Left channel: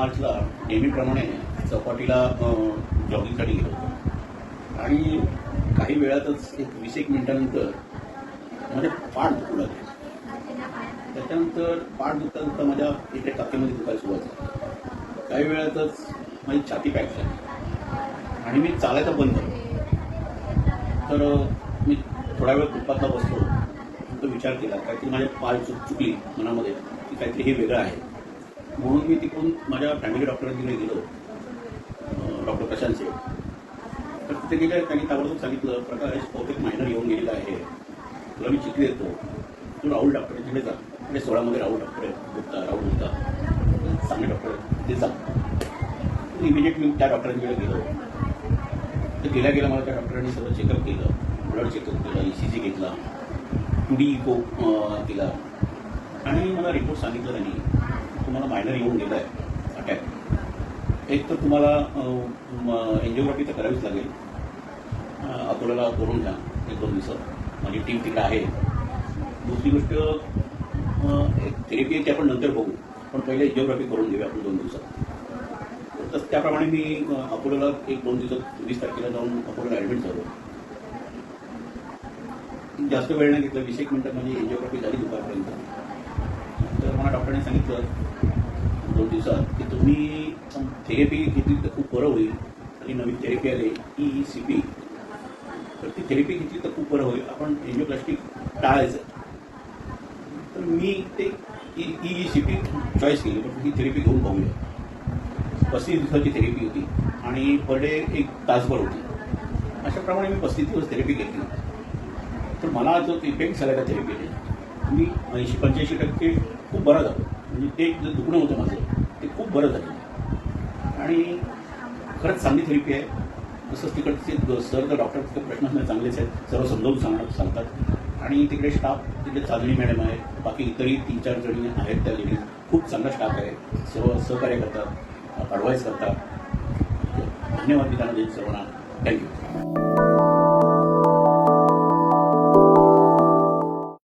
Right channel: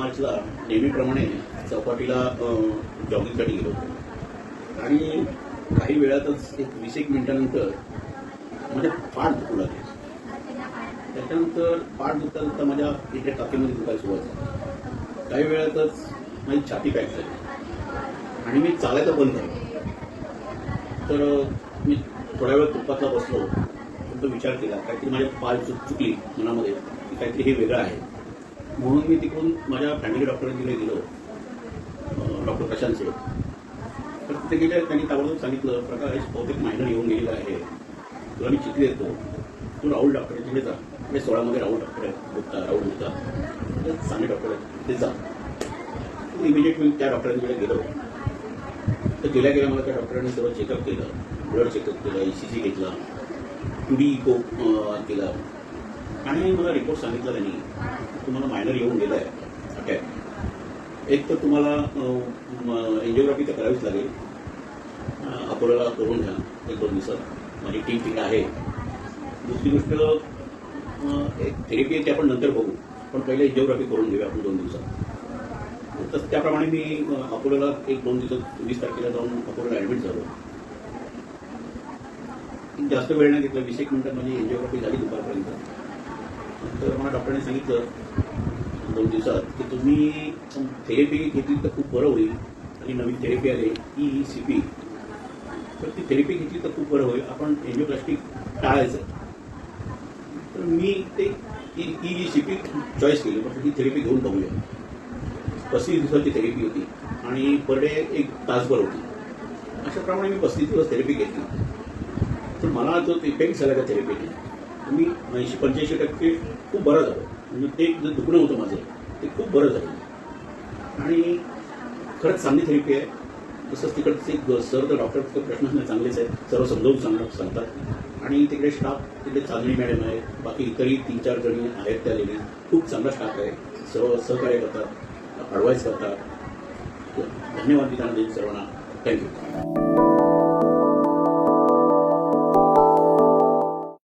मार्चला नेहमीप्रमाणे चौपाटीला जॉगिंगसाठी गेलो होतो आणि काही वेळातच एक 20 मिनिटानंतर माझे पाठ दुखू लागले. त्याच्यानंतर पाठ दुखता दुखता माझ्या इथे टाकीमध्ये दुखायला सुरुवात झाली. काही वेळातच माझी छाती पॅक झाली आणि मी चालायचं बंद झालं. तर मी थोडा वेळ तुपातला बसलो, तो विचार केला काहीतरी माझ्या पाल चुकली मनामध्ये की काहीतरी हे वेगळं आहे. म्हणून मी तिकडून माझ्या फॅमिली डॉक्टरांकडे गेलो, डॉक्टर प्रशांत सेठ. तर तिथे गेले, त्यांनी ताबडतोब सांगितलं प्रकाश बहुतेक मायनर येऊन गेलेला आहे, तुला मी चिठ्ठी देतो, तू राहुल डॉक्टरांकडे जा. 16मध्ये राहुल डॉक्टर राहुल गुप्ता चांगले डॉक्टर ते जा. इमिजिएट मी त्या डॉक्टरांकडे गेलो. तर गेल्या मला त्या डॉक्टरांनी सर्व चेकअप केलं, ब्लड चेकअप केलं, ECG घेतला, 2D इको केला आणि मला रिपोर्ट सांगितला त्यांनी तुम्हाला मायनर येऊन गेला आहे अटॅक. एक तर तुम्हाला एन्जिओग्राफी तर करावीच लागेल, अकोल्याला करून घ्या 1-2 दिवसात, माझी टीम तिकडे आहे. दुसरी गोष्ट थेरपी आहे की आपण नंतर बघू, पण पहिले एन्जिओग्राफी करून घेऊया आपण 2 दिवसात. तर त्याप्रमाणे मी अकोल्याला 1-2 दिवसात 20 तारखेला जाऊन अकोल्याला ॲडमिट झालो. जास्त वेळ नाही घेतला, 20 मिनिटात माझी एन्जिओग्राफी झाली दुपारपर्यंत. तर मला डॉक्टरांनी सांगितलं 2 दिवसात की तुम्ही थेरपी घेतली तर खूप बरं होईल. ही नवीन थेरपी आली ECP, तर ती थेरपी घेतली तर खूप बरं होईल, आपण एन्जिओप्लास्टी टाळायचं. तर मी ते ECP चॉईस केली, पण ही थेरपी घेऊन पाहूया. 35 दिवसाची थेरपी होती आणि पर डे 1 तासभर होती. अशाप्रमाणे मी 35 दिवस थेरपी घेतली. तर मला जो इफेक्ट झाला त्या थेरपीने, मी 80-85% खूप बरं झालं. म्हणजे ते जे दुखणं होतं माझं ते खूप बरं झालं आणि खरंच चांगली थेरपी आहे. तसंच तिकडचे सर तर डॉक्टरचे प्रश्नच नाही, चांगलेच आहेत, सर्व समजावून सांगतात. आणि तिकडे स्टाफ, तिकडे चांदणी मॅडम आहे, बाकी इतरही 3-4 जणी आहेत त्या लेडीज, खूप चांगला स्टाफ आहे, सर्व सहकार्य करतात, ॲडवाईस करतात. धन्यवाद मी त्यांना देईन सर्वांना. थँक्यू.